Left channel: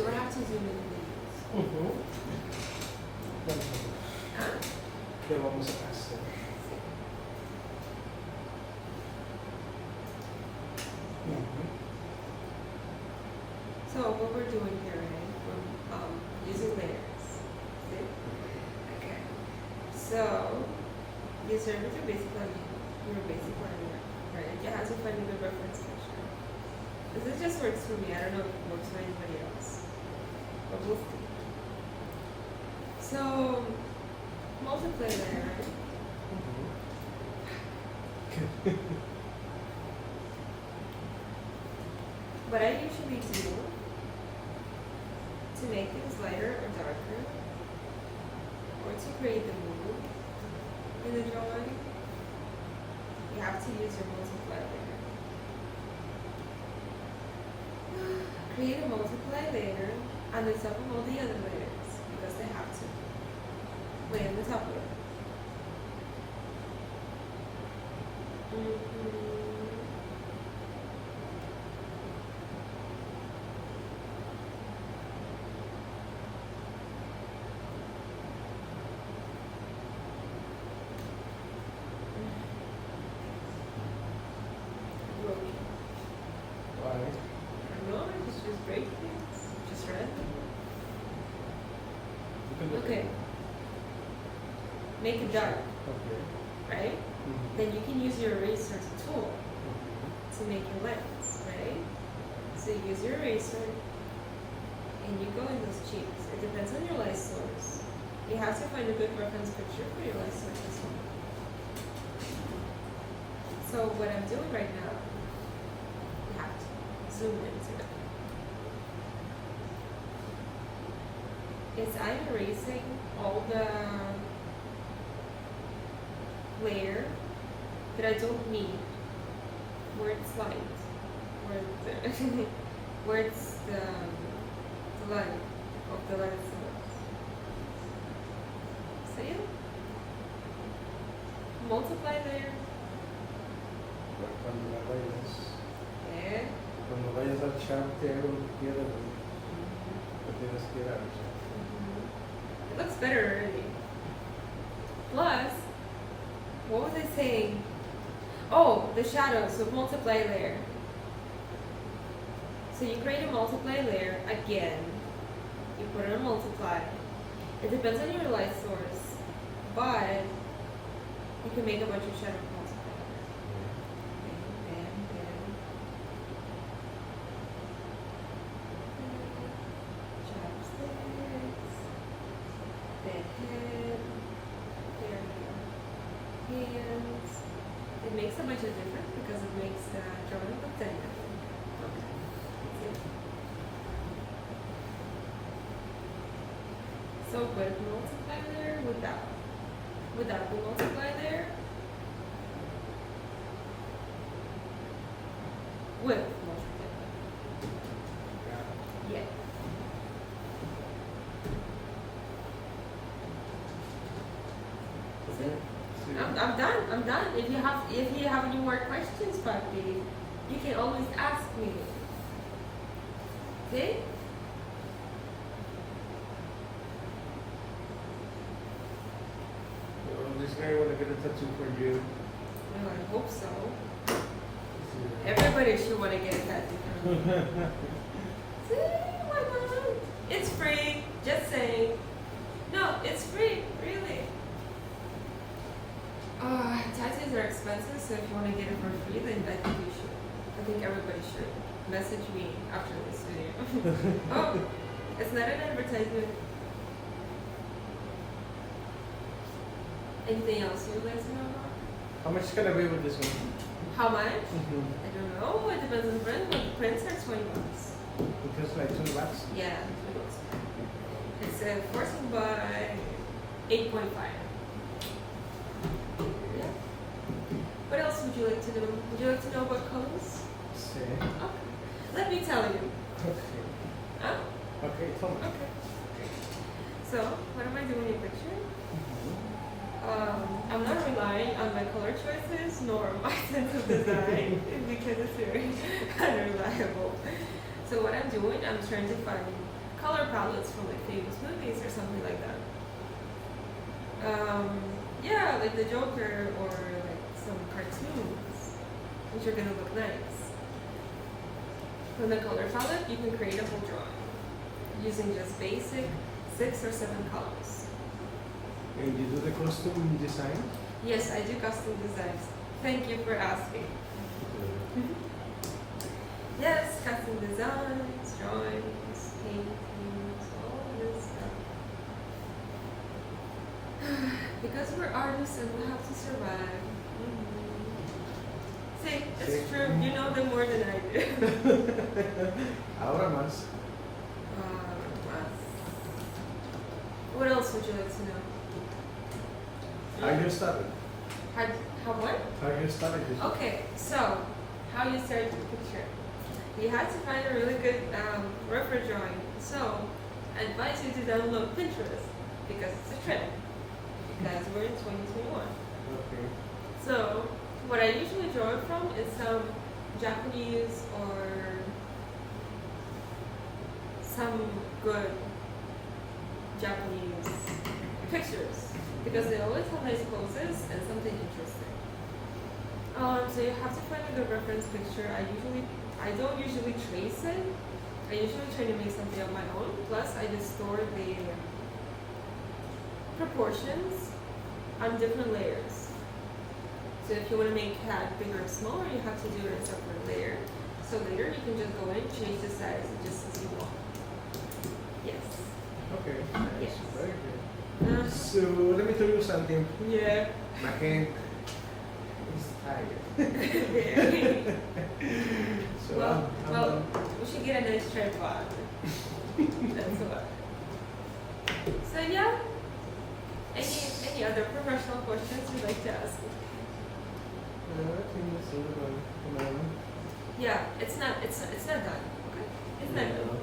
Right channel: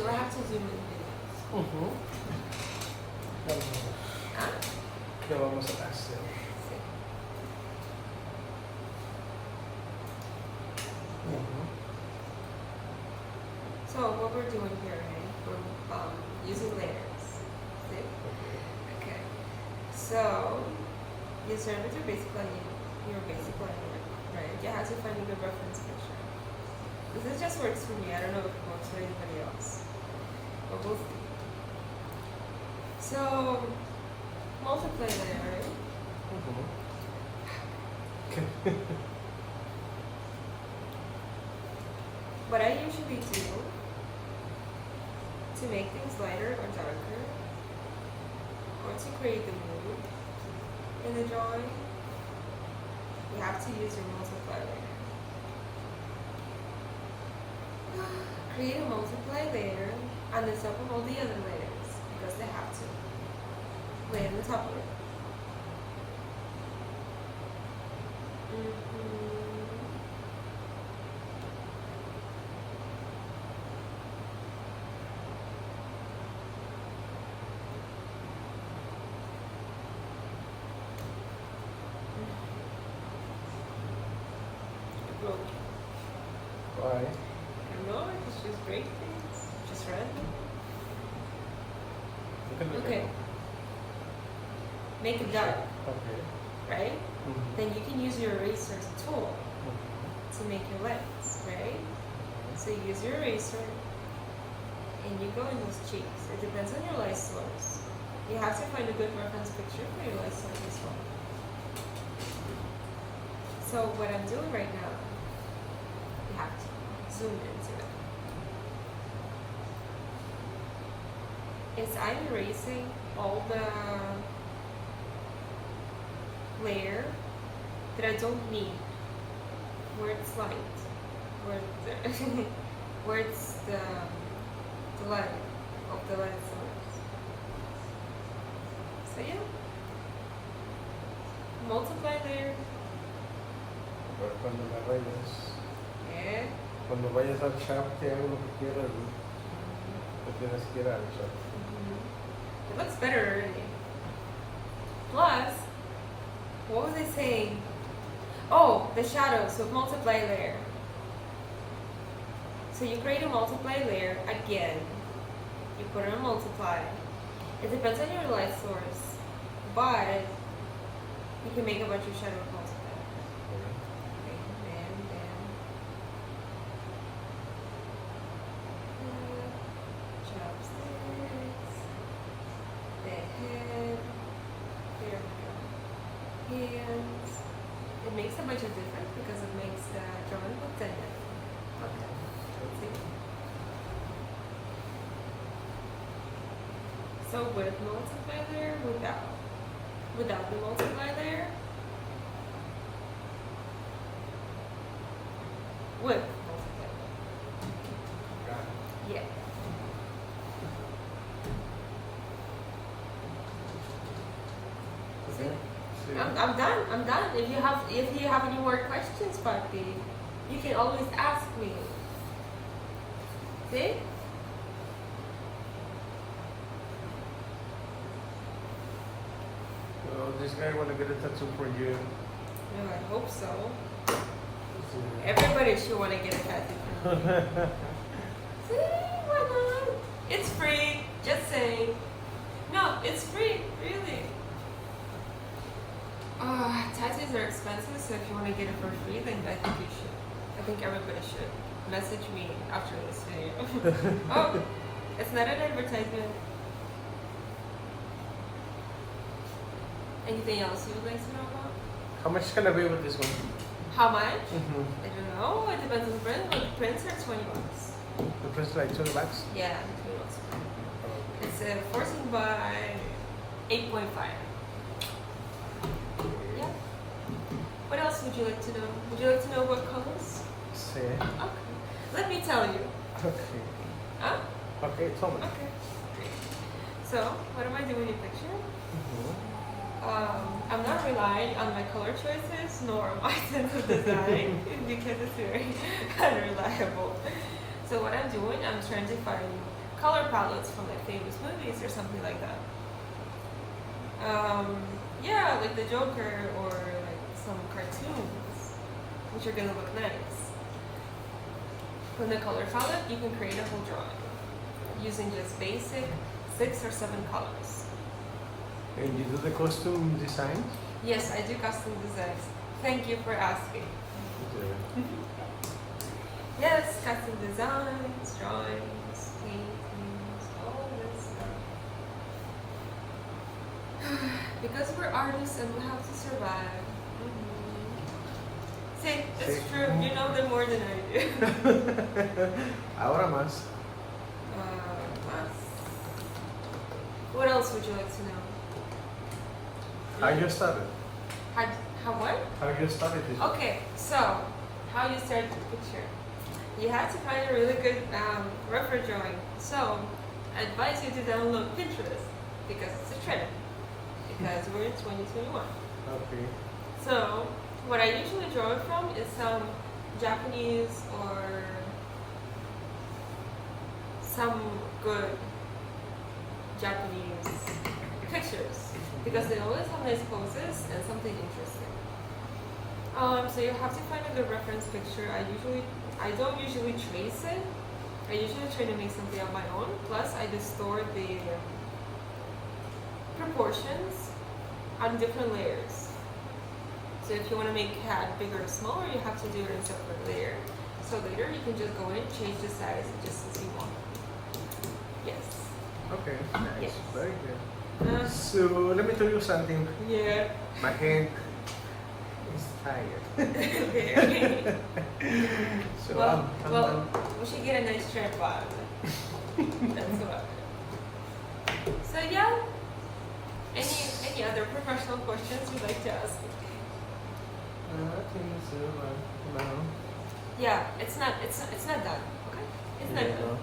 you or have to zoom in videos? ¿Ah? Ya vamos a hacer. Sí. So what we're doing here, right? We're using layers. See? Okay. So your servers are basically your basic language, right? You have to find a good reference picture. This just works for me. I don't know if it works for anybody else, but we'll see. So multiply layer, right? What I usually do to make things lighter or darker, or to create the mood in the drawing, you have to use your multiply layer. Create a multiply layer on the top of all the other layers, because they have to lay on the top of it. Why? No, just use break things. Just random. Okay. Make it dark, Okay. right? Then you can use your eraser tool to make your lines, right? So you use your eraser and you go in those cheeks. It depends on your light source. You have to find a good reference picture for your light source as well. So what I'm doing right now, you have to zoom into it. Is I'm erasing all the layer that I don't need, where it's light, where it's the light of the light source. See it? Multiply layer. Pero cuando la rayas, Yeah. cuando vayas al shaft, te hago lo que quieras, lo tienes que ir al shaft. It looks better already. Plus, what was I saying? Oh, the shadows, so multiply layer. So you create a multiply layer again. You put it on multiply. It depends on your light source, but you can make a bunch of shadows multiply. Chopsticks. The head. There we go. Hands. It makes a bunch of difference because it makes the drawing look tender. Okay. Let's see. So with multiply layer, without the multiply layer, with multiply layer. Yeah. See? I'm done. If you have any more questions, Papi, you can always ask me. See? Well, this guy wanna get a tattoo for you. Yeah, I hope so. Everybody should want to get a tattoo from me. See? Why not? It's free. Just saying. No, it's free. Really. Tattoos are expensive, so if you want to get it for free, then I think you should. I think everybody should. Message me after this video. Oh, it's not an advertisement. Anything else you would like to know about? How much can I pay with this one? How much? I don't know. It depends on the print. But the prints are $20. The price like $20? Yeah, $20. It's 14 by 8.5. Yeah. What else would you like to know? Would you like to know about colors? See. Okay. Let me tell you. Okay. Huh? Okay, tell me. Okay. So, what am I doing in picture? I'm not relying on my color choices nor my sense of design because it's very unreliable. So what I'm doing, I'm trying to find color palettes from like famous movies or something like that. Yeah, like the Joker or like some cartoons, which are gonna look nice. From the color palette, you can create a whole drawing using just basic 6 or 7 colors. And you do the costume design? Yes, I do custom designs. Thank you for asking. Yes, custom designs, drawings, paintings, all this stuff. Because we're artists and we have to survive. See, it's See? true. You know them more than I do. Ahora más. What else would you like to know? How you started? How what? How you started this? Okay, so how you start the picture? You have to find a really good reference drawing. So I advise you to download Pinterest because it's a trend. Because we're in 2021. Okay. So what I usually draw it from is some Japanese or some good Japanese pictures because they always have nice poses and something interesting. So you have to find a good reference picture. I don't usually trace it. I usually try to make something of my own. Plus, I distort the proportions on different layers. So if you want to make cat bigger or smaller, you have to do it in a separate layer. So later you can just go in and change the size just as you want. Yes. Okay, nice. Yes. Very good. So let me tell you something. Yeah. My hand is tired. Okay. So well, I'm well, done. we should get a nice tripod. That's what. So yeah. Any other professional questions you'd like to ask? No, I think it's no. Yeah, it's not done. Okay, it's not done.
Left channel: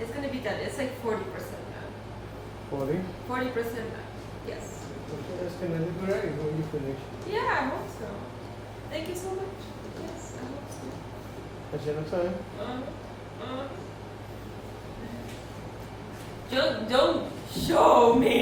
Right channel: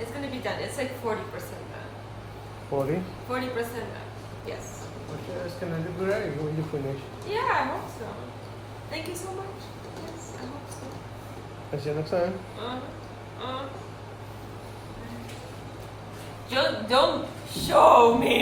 It's gonna be done. It's like 40% done. 40? 40% done. Yes. Okay, that's gonna look great when you finish. Yeah, I hope so. Thank you so much. Yes, I hope so. That's your next time? Don't show me.